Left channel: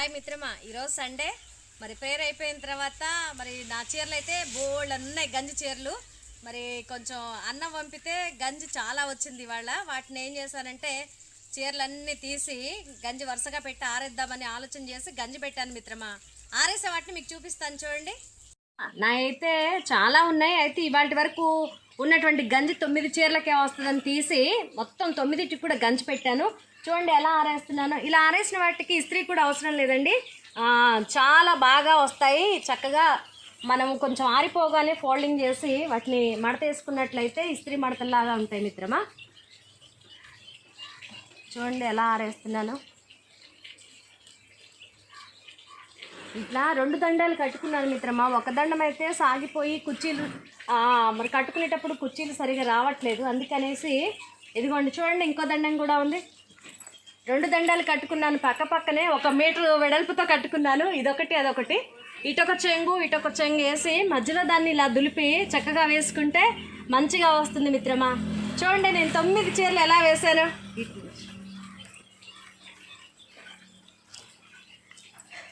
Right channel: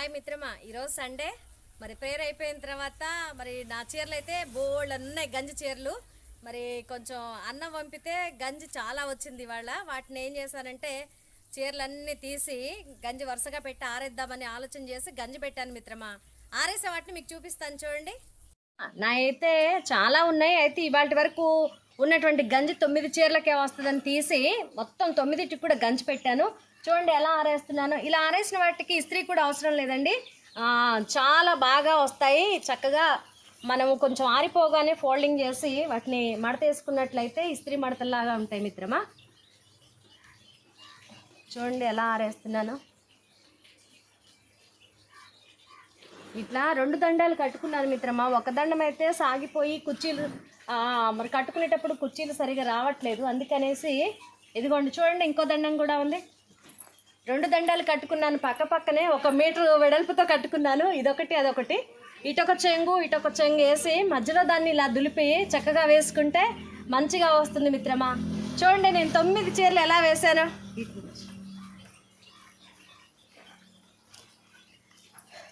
Hi మిత్రమా. ఈరోజు Sunday. మరి ప్రేయర్ అయిపోయిన తర్వాత మరి నా చీరలు అయితే బోల్డ్ ఉన్నాయి గంజి చీరలు. మరి కొంచెం అన్నం పంపితే గంజి చాలా వచ్చింది ఇవాళ. వాటిని ఏం చేశానంటే చీరలన్నీ తీసి గంజి వరుసగా పెట్టి ఆరేద్దామని ఆలోచన చేసి గంజి పెట్టాను మిత్రమా. ఆరేసే వాటిని మీకు చూపిస్తాను చూడండి. నా అయితే చాలా ఉన్నాయి. అయితే ఇవాళ వరకు ఉన్నటువంటి గంజి తొమ్మిది చీరలకే వస్తుందని తీసి మొత్తం తొమ్మిదిటికి కూడా గంజి పెట్టాను. చూడండి ఎలా ఆరేస్తున్నాను. ఇలా ఆరేసిన వాటికి ఇస్త్రీ కూడా అవసరం లేదండి. చాలా బాగా వస్తాయి. చక్కగా మనము కొంచెం ఆరిపోగానే ఫోల్డింగ్ చేసి వాటిని మడత వేసుకున్నట్లయితే ఇస్త్రీ మడతల్లాగా ఉంటాయి మిత్రమా. చూడండి ఎలా ఆరేస్తున్నాను. ఇట్లా రెండు దండాలు కట్టుకున్నాను మిత్రమా. ఒక దండం అయితే సాగిపోయి కుర్చీలు మరి కట్టుకునేటప్పుడు కుర్చీలు సరిగా రావట్లేదు. అందుకనేసి ఇదిగోండి చూడండి ఇంకో దండం కూడా ఉంది. రెండు దండాలు కట్టుకున్నాను పక్క పక్కనే ఒక మీటర్ వెడల్పుతో కట్టుకున్నాను. ఇదొకటి అదొకటి. ఇటొక చెంగు ఇటొక చెంగు వేసి మధ్యలో దాన్ని ఇలా దులిపి చక్కగా వేసుకుంటే మంచిగా వస్తుంది మిత్రమా. చూడండి నేను తొమ్మిది చీరలు ఎలా వేశాను.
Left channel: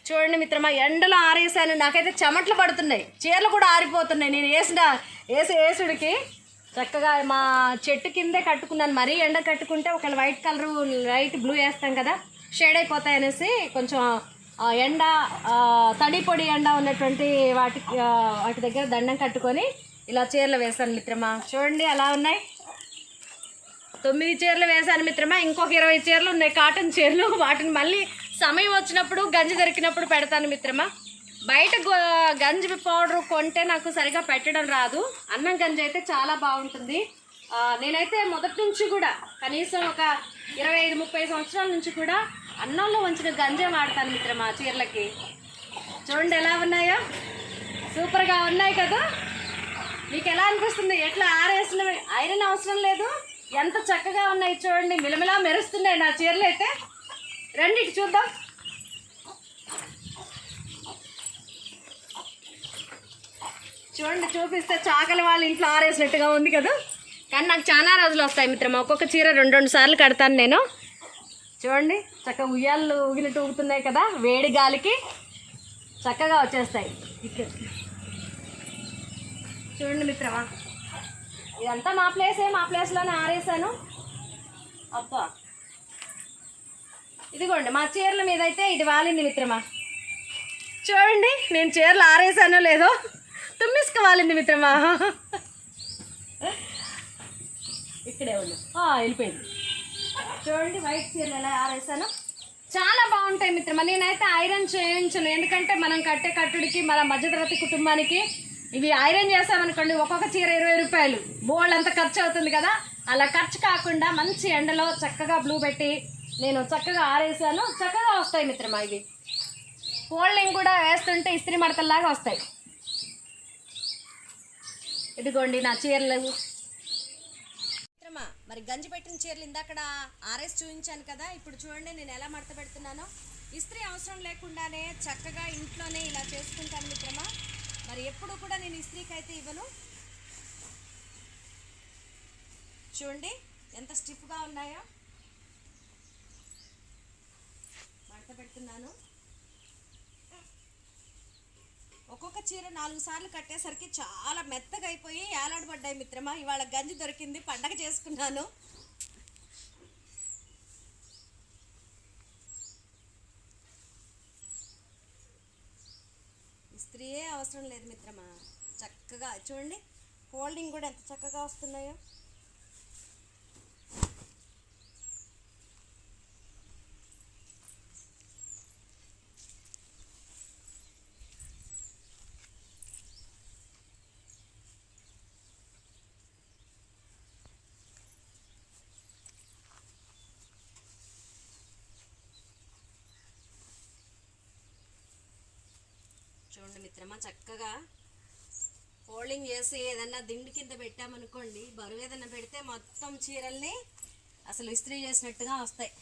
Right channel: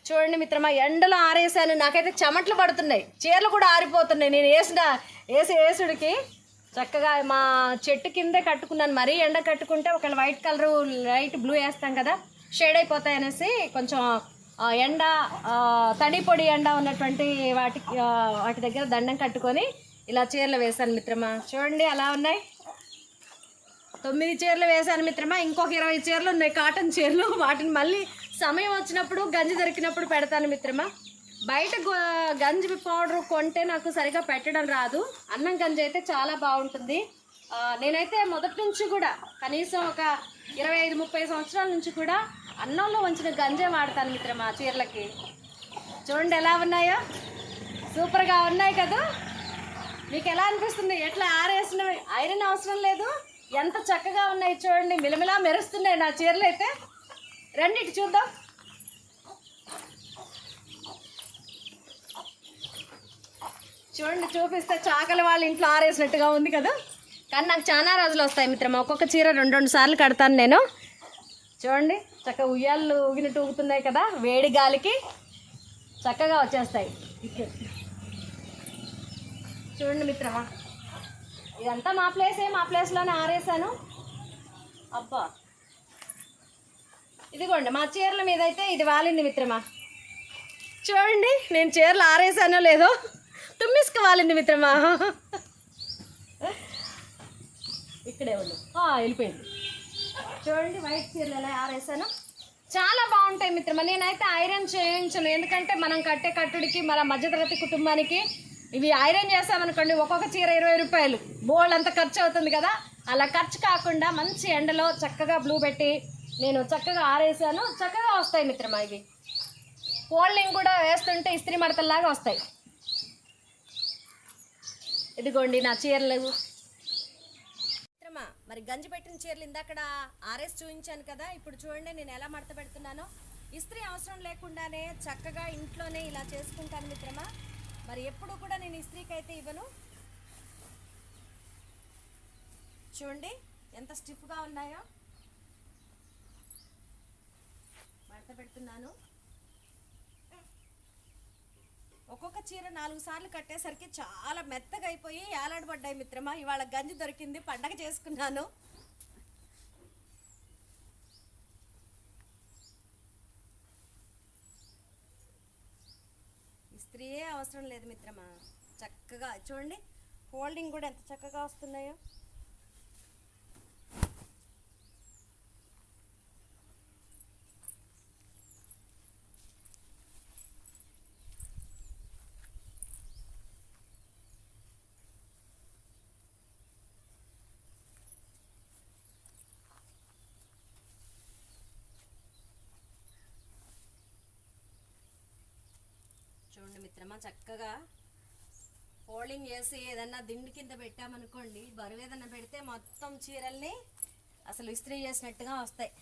చూడండి మిత్రమా ఎండలో ఆరేసాను. నాకైతే చెమట్లు పడుతున్నాయి. చీరలు కూడా ఆరిపోతున్నాయి. నేను వేసిన వేసి వేసుడికి చక్కగా మా చెట్టు కిందే కట్టుకున్నాను. మరీ ఎండ కట్టుకుంటే ఒక వైట్ కలర్ లైట్ బ్లూ వేస్తాం కదా షేడ్ అయిపోతాయి అనేసి కొంచెం ఎండ తడి పొడి ఎండ ఉన్నటువంటి వాటి వాటి దగ్గర దండం కట్టుకొని ఇలా చీరలు వేశాను మిత్రమా. చూడండి ఎలా ఉన్నాయి. తొమ్మిది చీరలు వేశాను మిత్రమా. ఇంకొక ఇరవై చీరలు ఉన్నాయి. కాటన్ చీరలు. వాటిని మళ్ళీ సమయం వచ్చినప్పుడు గంజి దొరికినప్పుడు పెడతాను మిత్రమా. బయట గంజి పౌడర్ కొంటే నాకు సరిగా పెట్టడం రాదు. అన్నం గంజి అయితే చాలా బాగుంటుంది. నేనైతే మొదటి నుంచి కూడా కనీసం ఒక ఇరవై ఐదు ముప్పై సంవత్సరాల నుంచి కూడా అన్నంలో వంచిన గంజే వాడతాను మిత్రమా చీరలకి. చూడండి ఎలా ఉన్నాయో. సూపర్గా ఉన్నాయి కదా. మీకు ఎలా అనిపిస్తుంది? ఎట్లా ఆరేసిన ఐరన్ అవసరం లేదు. ఎంత చక్కగా ఉన్నాయి చూడండి. మిలమిలా మెరుస్తున్నాయి నా చీరలు అయితే. రండి ఇటు చూద్దాం. చూడండి చూపిస్తే చాకలి వాళ్ళ ఇంట్లో ఆరేసినట్టుగా ఉంది కదా. కానీ నాకు చాలా రోజులు వస్తాయి మిత్రమా. ఒక్కొక్క చీర రెండు రెండు సార్లు కడతాను నేను. చూడండి చక్కగా ఉయ్యాలు ఊగినట్టు ఊగుతున్నాయి కదా వేడి గాలికి చక్కగా వచ్చేస్తాయి. చూడండి మిత్రమా. ఇదంతా మా ప్లేసే మా ప్లేస్లోనే ఆరేసాను. అబ్బా. ఇదిగోండి మా చీరల మీద అయితే ఇది వాలింది మిత్రమా. చూడండి నేను చీరలు ఆరేసానో లేదో. తుమ్మిసుక వాలింది మిత్రమా? ఇక్కడే ఉంది వెళ్ళిపోయింది. చూడండి వైట్ చీరలు ఎలా ఆరేసాను. చాలా బాగుంటాయి మిత్రమా. నేనైతే ఐరన్ చేయించను. ఎందుకంటే మనం కట్టే కట్టుడికి మన మధ్యతరగతి కుటుంబానికి ఇవి ఐరన్ చేసామనుకోండి ఒక్కొక్క చీర ఇరవై రూపాయలు. బోల్డ్ అంత ఖర్చు అవుతుంది కదా? అలా ఖర్చు కాకుండా మంచి ఎండలో చక్కగా బ్లూ పెట్టి నేను చక్కగా ఆరేసాను. చక్కగా వస్తాయి మిత్రమా ఇవి. ఫోల్డింగ్ కూడా వేస్తుంటే ఇస్త్రీ మడతల్లాగా వస్తాయి. ఇదిగోండి నా చీరలు. మిత్రమా మరి గంజి పెట్టిన చీరలు ఇందాకడ ఆర్ఎస్ చూపించాను కదా ఇప్పుడు చూడండి నేను ఎలా మడత పెడుతున్నానో. ఇస్త్రీ అవసరం లేకుండానే చక్కగా ఇంట్లోనే ఇలా చేసుకుంటాను మిత్రమా మరి ఎప్పుడు కూడా నేను ఇస్త్రీకి అయితే ఇవ్వను. చూడండి ఎంత స్టిఫ్గా ఉన్నాయో. మడత పెడుతున్నాను. ఒక్కొక్క చీర నాలుగు సార్లు కట్టేసరికి చాలా మెత్తగా అయిపోయి ఏలాడబడ్డాయి మిత్రమా. ఇవాళ గంజి దొరికింది పండగ చేసుకున్నాను. ఇస్త్రీయే అవసరం లేదు మిత్రమా. చక్కగా చూడండి హోల్డింగ్ కూడా ఎంత చక్కగా వస్తున్నాయో చూడండి మిత్రమా చక్కగా ఫోల్డింగ్ చేసి ఏదన్నా దిండు కింద పెట్టామనుకోండి బరువు ఏదన్నా పెడితే మొత్తం చీరల్ని అసలు ఇస్త్రీ చేసినట్టుగా వస్తాయి.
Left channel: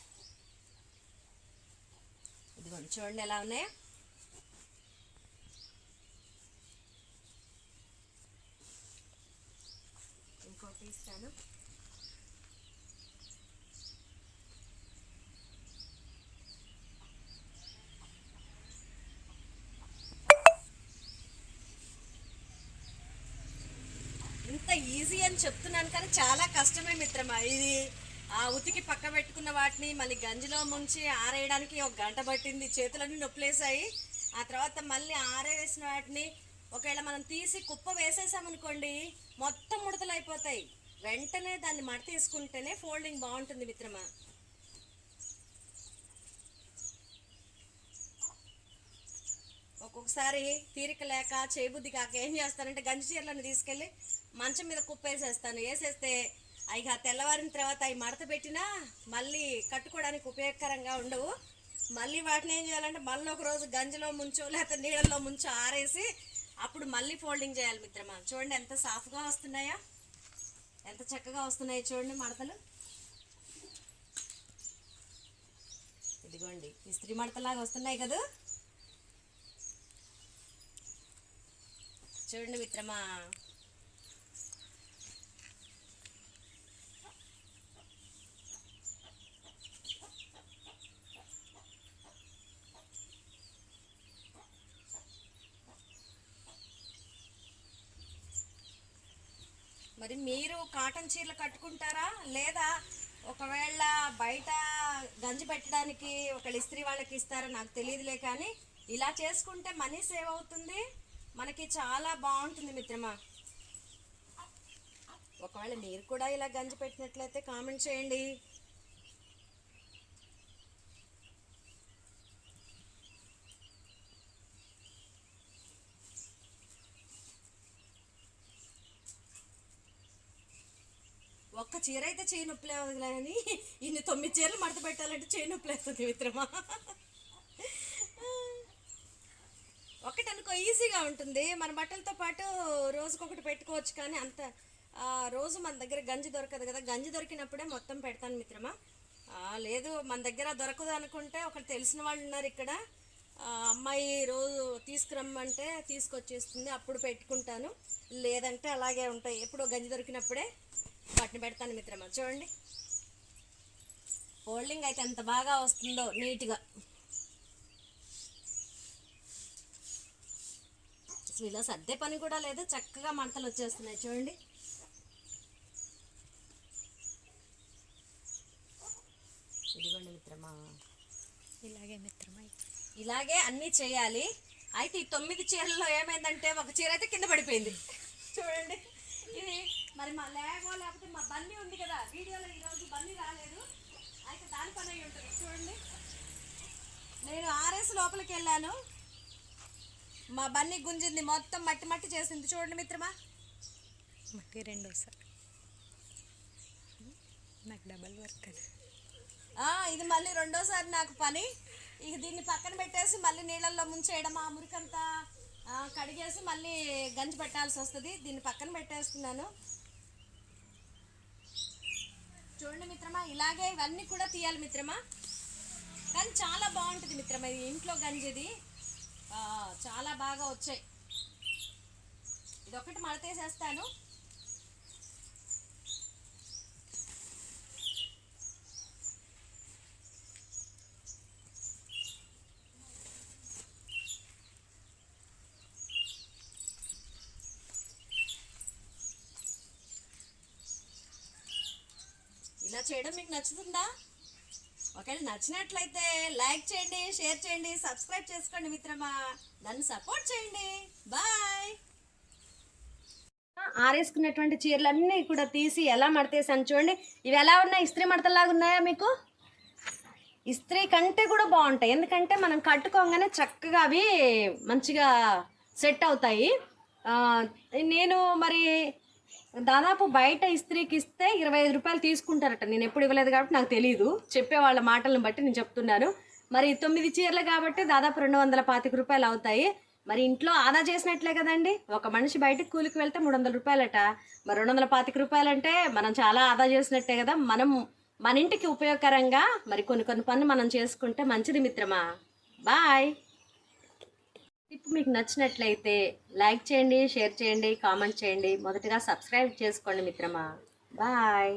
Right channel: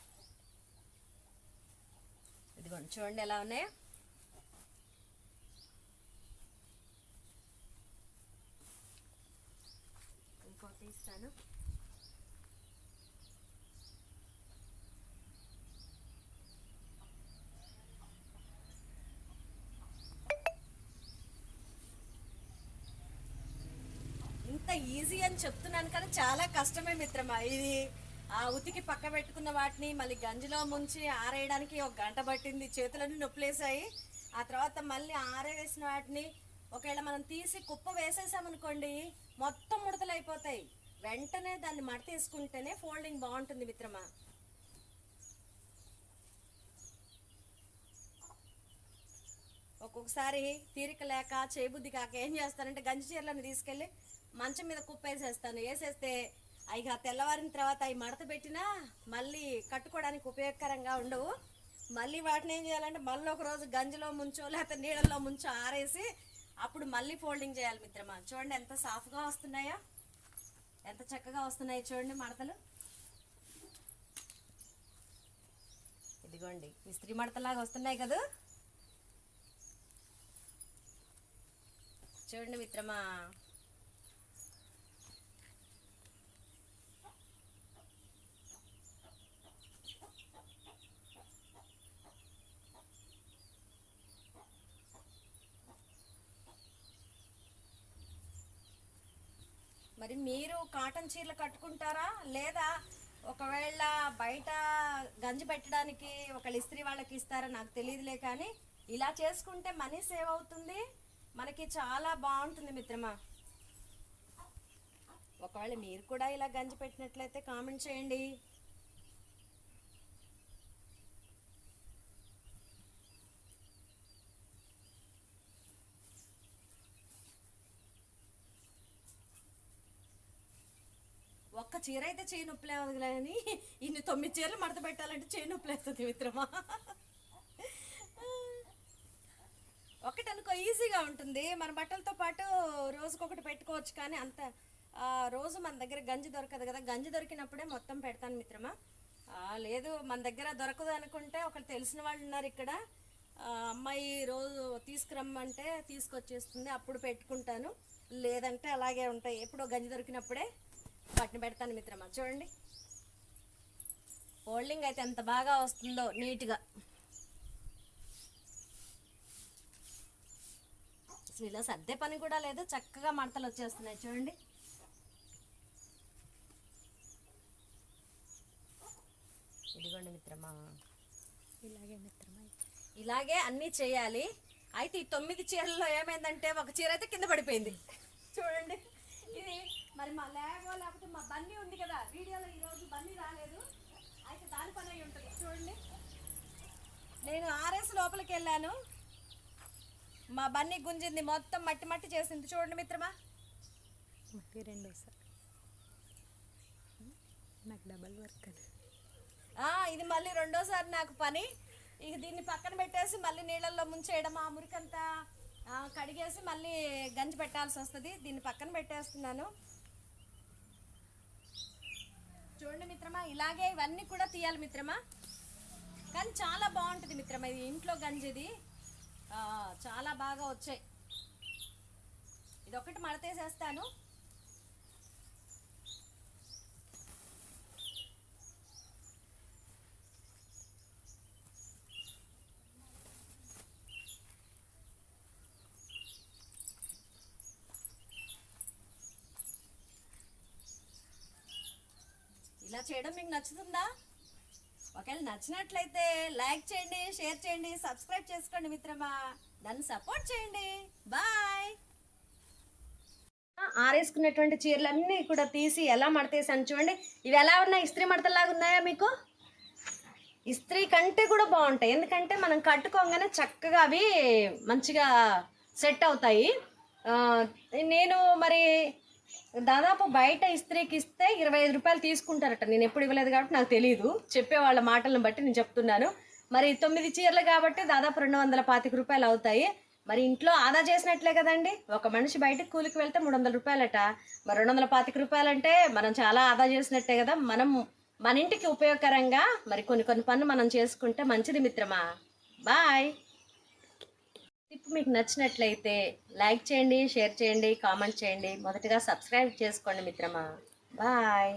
ఇదిగోండి చూడండి ఎలా ఉన్నాయో. ఇంకోటి ఇస్తాను ఈజీ అని చెప్తున్నాను కానీ చాలా కష్టమే మిత్రమా. ఇది ఆ ఉతికి పక్క పెట్టుకున్న వాటిని మళ్ళీ గంజిలో ముంచి ఆరేయడానికి ఒక గంట పట్టింది. చేతులన్నీ నొప్పులేసాయి ఆ తర్వాత మళ్ళీ ఆరేసిన వాటిని ఒకవేళ మనం తీసి కుప్ప వేసేసామనుకోండి మొత్తం ముడతలు అయిపోతాయి వెంటనే దాన్ని మడ తీసుకుంటేనే ఫోల్డింగ్ బాగుంటుంది మిత్రమా. ఒక్కొక్కసారి తీరిక లేక చేయబుద్ధి కాక ఏం చేస్తానంటే గంజి చీరలను తీసుకెళ్ళి మంచం మీద కుప్పేసేస్తాను. వేసేస్తే ఇక తెల్లవారిన తర్వాత అవి మడత పెట్టినా మళ్ళీ కట్టుకోవడానికి ఉపయోగకరంగా ఉండవు. మళ్ళీ వాటిని ఏం చేయాలంటే మళ్ళీ ఒక రోజు గంజిలో ముంచో లేకపోతే నీళ్ళల్లో ముంచో ఆరేసి అప్పుడు మళ్ళీ ఫోల్డింగ్ చేయాలి మిత్రమా. చూడండి ఎంత సాఫ్ట్గా వస్తున్నాయా? ఎంత చక్కగా వస్తున్నాయి చూడండి మడతలు. ఇదిగోండి ఇస్త్రీ మడతలాగా వస్తున్నాయి కదా. చూడండి మిత్రమా. మరి మీరు కాటన్ చీరలు కట్టుకుంటారా? లేదా ఒకవేళ బయట గంజి పెట్టడానికి ఒక ఇస్త్రీ వాళ్ళకి ఇస్తారా నాకు తెలియదులే కానీ ఇలా చేసుకుంటే మనీ సేవ్ అవుతుంది? మనకి చాలా బాగుంటుంది మిత్రమా. ఒకవేళ మీరు కూడా ఇలా గంజి పెట్టినట్లయితే కామెంట్ చేయండి. ఒక్క చీర అయితే చేయి నొప్పి లేదు కానీ ఇన్ని తొమ్మిది చీరలు మడత పెట్టాలంటే చేయి నొప్పిలేస్తుంది మిత్రమా. ఒకటి అనుకో ఈజీగా ఉంటుంది. మన బట్టలతో పాటు రోజుకొకటి పెట్టుకోవచ్చు కానీ అంత రోజు మన దగ్గర గంజి దొరకదు కదా. గంజి దొరికినప్పుడే మొత్తం పెడతాను మిత్రమా. లేదు మన దగ్గర దొరకదు అనుకుంటే ఒకటి తెలిసిన వాళ్ళు ఉన్నారు ఇక్కడ. అమ్మాయి రోజు తీసుకురమ్మంటే తీసుకొచ్చేస్తుంది అప్పుడు పెట్టుకుంటాను. లేదంటే అలాగే ఉంటాయి. ఎప్పుడో గంజి దొరికినప్పుడే వాటిని పెడతాను మిత్రమా. చూడండి. ఫోల్డింగ్ అయితే ఎంత బాగా వస్తుందో నీట్గా. అసలు ఇలా సర్దే పని కూడా లేదు చక్కగా మడతలు వచ్చేస్తున్నాయి చూడండి. ఇదిగోండి మిత్రమా. ఇలాగే మిత్రమా. ఇలాగే అన్నీ చేయాలి. అయితే ఈ తొమ్మిది చీరల్లో ఏమైందంటే ఒక చీర అయితే కింద పడిపోయింది. చూడండి. ఇది మరి మా లేగో లేకపోతే మా బన్నీ ఉంది కదా వీడియోలో ఈరోజు బన్నీ రాలేదు. అయితే దాని పని అయి ఉంటుంది. చూడండి. నేను ఆర్ఎస్ లోపలికి వెళ్ళాను. మా బన్నీ గుంజింది మొత్తం మట్టి మట్టి చేసింది. చూడండి మిత్రమా. మట్టి రెండోసారి నాకు డబల్ వర్క్ అది ఇది మళ్ళీ రెండోసారి నాకు పని. ఇక దీన్ని పక్కన పెట్టేసి మళ్ళీ నీళ్ళల్లో ముంచేయడం ఆ మురికంతా కడిగేసి మళ్ళీ గంజి పెట్టాల్సి వస్తుంది. దీన్ని పక్కన పెట్టేస్తున్నాను. చూడండి మిత్రమా ఇలాగే ఇవన్నీ కూడా తీయాలి మిత్రమా. కానీ చాలా బాగుంటుంది మిత్రమా ఇది ఇంట్లో గంజిది. చాలా బాగా వచ్చాయి. ఇది ఒకటి మడతేసేస్తాను. ఇలా చేయడం మీకు నచ్చుతుందా? ఒకవేళ నచ్చినట్లయితే లైక్ చేయండి షేర్ చేయండి సబ్స్క్రైబ్ చేసుకోండి మిత్రమా. నన్ను సపోర్ట్ చేయండి. బాయ్. ఆరేసుకున్నటువంటి చీరలన్నీ కూడా తీసి ఎలా మడతేసాను చూడండి. ఇవి ఎలా ఉన్నాయి? ఇస్త్రీ మడతలాగా ఉన్నాయా మీకు? ఇస్త్రీ కంటే కూడా బాగుంటాయి. ఎందుకంటే మనం కట్టుకోగానే చక్కగా అవి మంచిగా సెట్ అవుతాయి. నేను మరి దాదాపు బయట ఇస్త్రీకి ఇస్తే ఇరవై ఐదు రూపాయలు తీసుకుంటారట. నేను ఎప్పుడు ఇవ్వలేదు కాబట్టి నాకు తెలియదు చెప్పే వాళ్ళ మాటలను బట్టి నేను చెప్తున్నాను. మరి తొమ్మిది చీరలు కాబట్టి దాదాపు రెండు వందల పాతిక రూపాయలు అవుతాయి. మరి ఇంట్లో ఆదా చేసినట్లే కదండి? ఒక మనిషి బయటకు కూలికి వెళ్తే మూడు వందల రూపాయలట. మరి రెండు వందల పాతిక రూపాయలంటే మనం చాలా ఆదా చేసినట్టే కదా? మనం మన ఇంటికి ఉపయోగకరంగా మరి కొన్ని కొన్ని పనులు మనం చేసుకుంటే మంచిది మిత్రమా? బాయ్. టిప్ మీకు నచ్చినట్లయితే లైక్ చేయండి షేర్ చేయండి కామెంట్ చేయండి. మొదటగా సబ్స్క్రైబ్ చేసుకోండి మిత్రమా. బాయ్.